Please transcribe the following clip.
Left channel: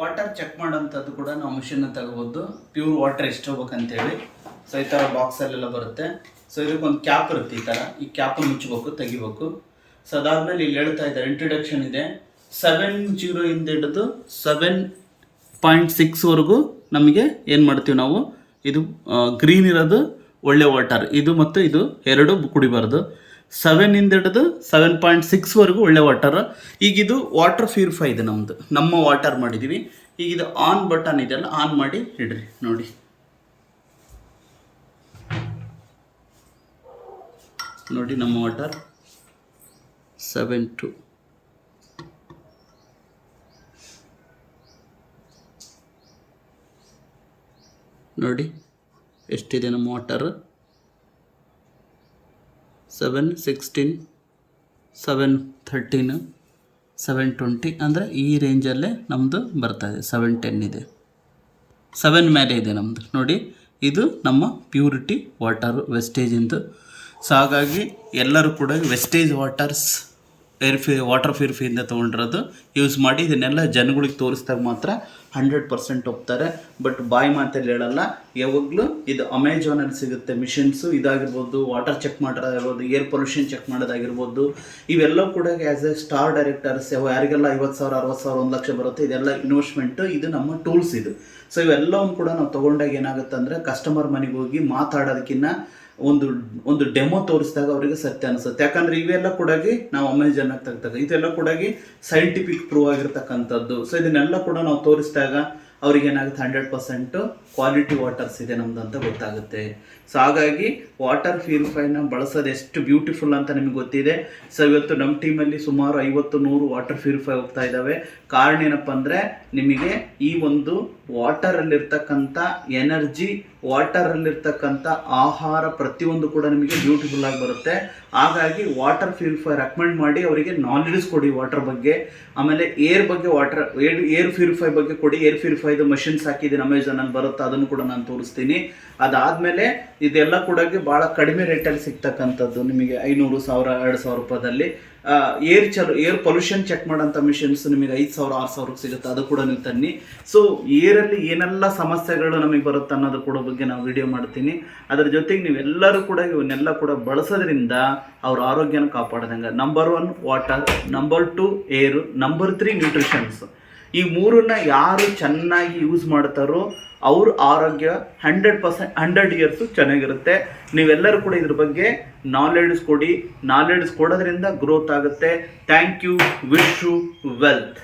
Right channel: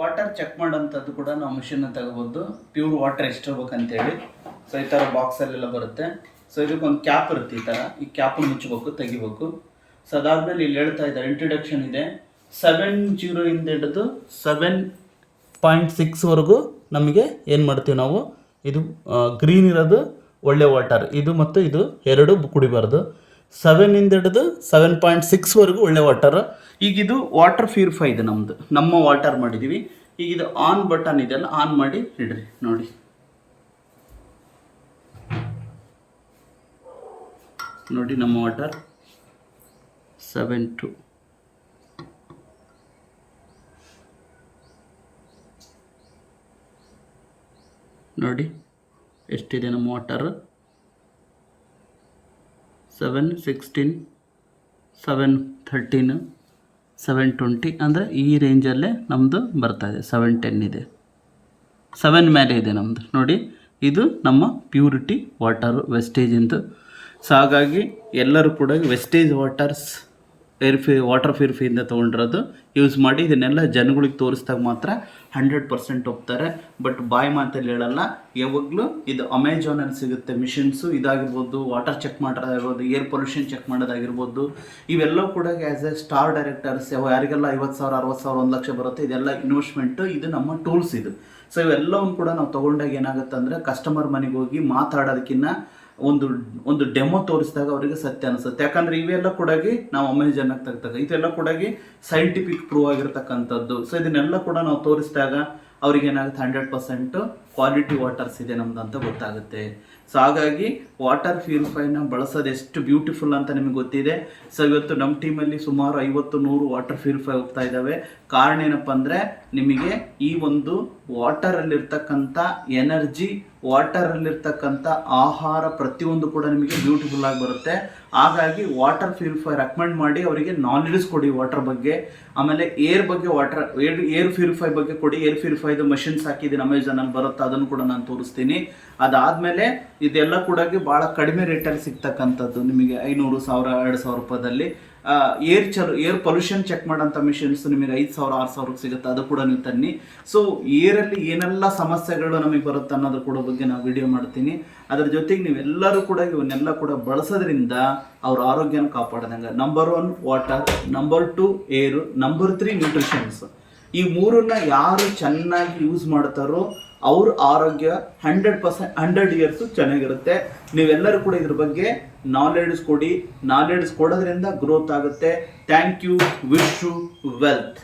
Water check ಮಾಡೋಂಥದ್ದು ಕೂಡ ನಾವು ಮಿಷನ್ನ ತಗೋಬೋದು. ಪ್ಯೂರ್ ವಾಟರ್ ಎಷ್ಟು ಹೋಗ್ಬೇಕಂತೇಳಿ. ಸೊ ಈ ಥರ ಬಾಕ್ಸಲ್ಲೆಲ್ಲ ಬರುತ್ತೆ. ಸೊ ಇದಕ್ಕೊಂದು ಕ್ಯಾಪ್ ಇರುತ್ತೆ, ಈ ಥರ. ಈ ಕ್ಯಾಪನ್ನು ಮುಚ್ಚಬೇಕು, ತೆಗಿಬೇಕು. ಸೊ ಅದಾದಮೇಲೆ ಇಲ್ಲಿ ಹೇಳ್ತಾ ಇದ್ದಾರೆ, ಇಂಟ್ರಡಕ್ಷನ್ ಇದೆ. 70 ಇಂದ ಹಿಡಿದು 7.6ವರೆಗೂ ನಮಗೆ ಏನು ಮಾಡ್ತೀವಿ ನಾವು, ಇದು ಗ್ರೀನ್ ಇರೋದು ಒಳ್ಳೆ ವಾಟರ್, ಇದು ಮತ್ತು ಇದು ಎರಡು ಕುಡಿಬಾರ್ದು. 7 ಇಂದ ಹಿಡಿದು 7.6ವರೆಗೂ ಒಳ್ಳೆ ವಾಟರ್. ಈಗ ಇದು ವಾಟರ್ ಪ್ಯೂರಿಫೈ ಇದೆ ನಮ್ಮದು, ನಮ್ಮ ವಾಟರ್ ಮಾಡಿದ್ದೀವಿ. ಈಗ ಇದು ಆನ್ ಬಟನ್ ಇದೆಯಲ್ಲ, ಆನ್ ಮಾಡಿ ಇಡ್ರಿ. ನೋಡಿ ನೋಡಿ ನಮ್ಮ ವಾಟರ್ 7.2. ನೋಡಿ ಎಷ್ಟಿದೆ ನಮ್ಮ ವಾಟರ್. 7:16, 7:13, 7:20 ಅಂದರೆ ಈ ರೇಂಜಲ್ಲೇ ನಮ್ಮದು ಬರ್ತಾಯಿದೆ. 7:10 ಇದೆ, 7 ಮೇಲೆ ಇದೆ ನಮ್ಮದು. ನೋಡಿ ಇದು ನಮ್ಮ ಪ್ಯೂರಿಟಿ ವಾಟರು, ವೆಸ್ಟೇಜಿಂದು. ಸೊ ಹಾಗಾಗಿ ಎಲ್ಲರೂ ಕೂಡ ವೆಸ್ಟೇಜ್ ವಾಟರ್ ಪ್ಯೂರಿಫೈಯಿಂದ ತೊಗೊಂಡಿರೋದು ಯೂಸ್ ಮಾಡಿ. ಇದನ್ನೆಲ್ಲ ಜನಗಳಿಗೆ ತೋರಿಸಿದಾಗ ಮಾತ್ರ 100% ಹೋಗ್ತಾರೆ. ಬಟ್ ಬಾಯಿ ಮಾತಲ್ಲಿ ಹೇಳಲ್ಲ. ಯಾವಾಗಲೂ ಇದು ಅಮೆಜಾನಲ್ಲಿ ಸಿಗುತ್ತೆ ಮಿಷಿನ್ಸು. ಇದಾಗಿರ್ಬೋದು, ವಾಟರ್ ಚೆಕ್ ಮಾಡೋದಾಗಿರ್ಬೋದು, ಏರ್ ಪೊಲ್ಯೂಷನ್ ಚೆಕ್ ಮಾಡೋದಾಗಿರ್ಬೋದು, ಇವೆಲ್ಲವೂ ಕೂಡ ಆ್ಯಸ್ ಎ ಸ್ಟಾರ್ ಡೈರೆಕ್ಟರ್ಸ್ ಯಾರಿಗೆಲ್ಲ 50,000, 60,000, 1 ಲಕ್ಷ ಬರುತ್ತೆ, ಇದೆಲ್ಲ ಇನ್ವೆಸ್ಟ್ಮೆಂಟು. ಇದು ನಮ್ಮ ಟೂಲ್ಸ್ ಇದು. ಸೊ ಇವೆಲ್ಲವನ್ನು ಕೂಡ ನಾವು ತೊಗೊಂಡಾಗ ಏನಾಗುತ್ತೆ ಅಂದರೆ, ಕಸ್ಟಮರ್ ಮನೆಗೆ ಹೋಗಿ ಮಾತಾಡೋದಕ್ಕಿಂತ ಒಂದು ಡೆಮೋ ತೋರಿಸಿದಾಗ ಅವರಿಗೆ ಸತ್ಯ ಅನಿಸುತ್ತೆ. ಯಾಕಂದರೆ ಇವೆಲ್ಲ ಕೂಡ ನಾವು ಅಮೆಜಾನಾಗಿ ತೆಗ್ದಾಗ ಇದೆಲ್ಲ ಕೂಡ ಸೈಂಟಿಫಿಕ್ ಪ್ರೂವ್ ಆಗಿರ್ತಕ್ಕಂಥದ್ದು. ಸೊ ಇದನ್ನೆಲ್ಲ ಕೂಡ ನಾವು ತೋರಿಸಿದಾಗ ಅವ್ರಿಗೆ ಏನಾಗುತ್ತೆ, 100% ಕ್ವಾಲಿಟಿ ವಾಟರ್ಸ್ ಇದೆ ನಮ್ದು ಅಂತ ಗೊತ್ತಾಗುತ್ತೆ. ಸೊ ಹಾಗಾಗಿ ವಾಟರ್ ಪ್ಯೂರಿಫೈನ ಬಳಸೋದು ಎಷ್ಟು ಬ್ಯೂಟಿಫುಲ್ ಅಂತ ನಿಮಗೆ ಗೊತ್ತಿದೆ. ಸೊ ಇವತ್ತು ನಮ್ಮ ಟೀಮಲ್ಲಿ ಸುಮಾರು 50-100 ವಾಟರ್ ಪ್ಯೂರಿಫೈ ಹೋಗ್ತಾ ಇದ್ದಾವೆ. ಕಾರಣ ಏನಪ್ಪ ಅಂದರೆ, ನಿಮಗೆ ಈ ಒಂದು ವಾಟರಲ್ಲಿರ್ತಕ್ಕಂಥ ಎನರ್ಜಿ, ವಾಟರಲ್ಲಿರ್ತಕ್ಕಂಥ ಆಹಾರ ಪ್ರತಿಯೊಂದು ಕೂಡ ನಿಮಗೆ ಬ್ಯೂಟಿಫುಲ್ ಆಗಿ ಬರುತ್ತೆ. ಹಾಗಾಗಿ ವಾಟರ್ ಪ್ಯೂರಿಫೈ ರೆಕಮೆಂಡ್ ಮಾಡಿ ಅವರಿಗೆ ನಾಲೆಡ್ಜ್ ಕೊಡಿ ವಾಟರ್ ಬಗ್ಗೆ. ಆಮೇಲೆ ಏರ್ ಬಗ್ಗೆ, ಏರ್ ಪ್ಯೂರಿಫೈ ಬಗ್ಗೆ ಕೊಡಿ. ಏರ್ ಪ್ಯೂರಿಫೈದು ಮಷಿನ್ಸ್ ಹಾಕಿದ್ದೀನಿ, ಅಮೆಜಾನಲ್ಲಿ ಬರುತ್ತೆ, ಅದನ್ನು ಕೂಡ ನಾನು ತೋರಿಸ್ತೀನಿ. ಅದಾದಮೇಲೆ ಇದೆಲ್ಲ ಕೂಡ ಭಾಳ ಕಡಿಮೆ ರೇಟಲ್ಲಿ ಸಿಗ್ತಕ್ಕಂಥದ್ದು, ನಿಮಗೆ 500, 1000, 2,000 ರೂಪಾಯಿದಲ್ಲಿ. ಏರ್ ಪೊಲ್ಯೂಷನ್ ಚೆಕ್ ಮಾಡೋಂಥ ಮಿಷನ್ಸ್ ನಿಮಗೆ 5,000, 6,000ಕ್ಕೆ ಸಿಗುತ್ತೆ, ಅದು ಕೂಡ ನೀವು ತನ್ನಿ. ಸೊ ಏರಲ್ಲಿ ಏನೆಲ್ಲ ಸಮಸ್ಯೆಗಳು ನಮಗೆ ಬರುತ್ತೆ ಅನ್ನೋದ್ರ ಕೂಡ ಬಗ್ಗೆ ನಾವು ವಿಡಿಯೋ ಮಾಡ್ತೀನಿ. ಅದರ ಜೊತೆಗೆ ನೀವೆಲ್ಲರೂ ಕೂಡ ಇವನ್ನೆಲ್ಲ ಕೂಡ ಬಳಸೋದ್ರಿಂದ ಅವ್ರ ಆರೋಗ್ಯನ ಕಾಪಾಡ್ದಂಗೆ. ನಂಬರ್ 1 ವಾಟರ್, ನಂಬರ್ 2 ಏರು, ನಂಬರ್ 3 ನ್ಯೂಟ್ರಿಷನ್ಸ್. ಈ ಮೂರನ್ನ ಯಾರು ಚೆನ್ನಾಗಿ ಯೂಸ್ ಮಾಡ್ತಾರೋ ಅವ್ರ ಆರೋಗ್ಯ 100% 100 ಇಯರ್ಸು ಚೆನ್ನಾಗಿರುತ್ತೆ. ನೀವೆಲ್ಲರೂ ಕೂಡ ಇದ್ರ ಬಗ್ಗೆ ನಾಲೆಡ್ಜ್ ಕೊಡಿ. ನಾಲೆಡ್ಜ್ ಕೊಡೋದ್ರಿಂದ ಗ್ರೋತ್ ಆಗುತ್ತೆ. Thank you. Wish you wealth.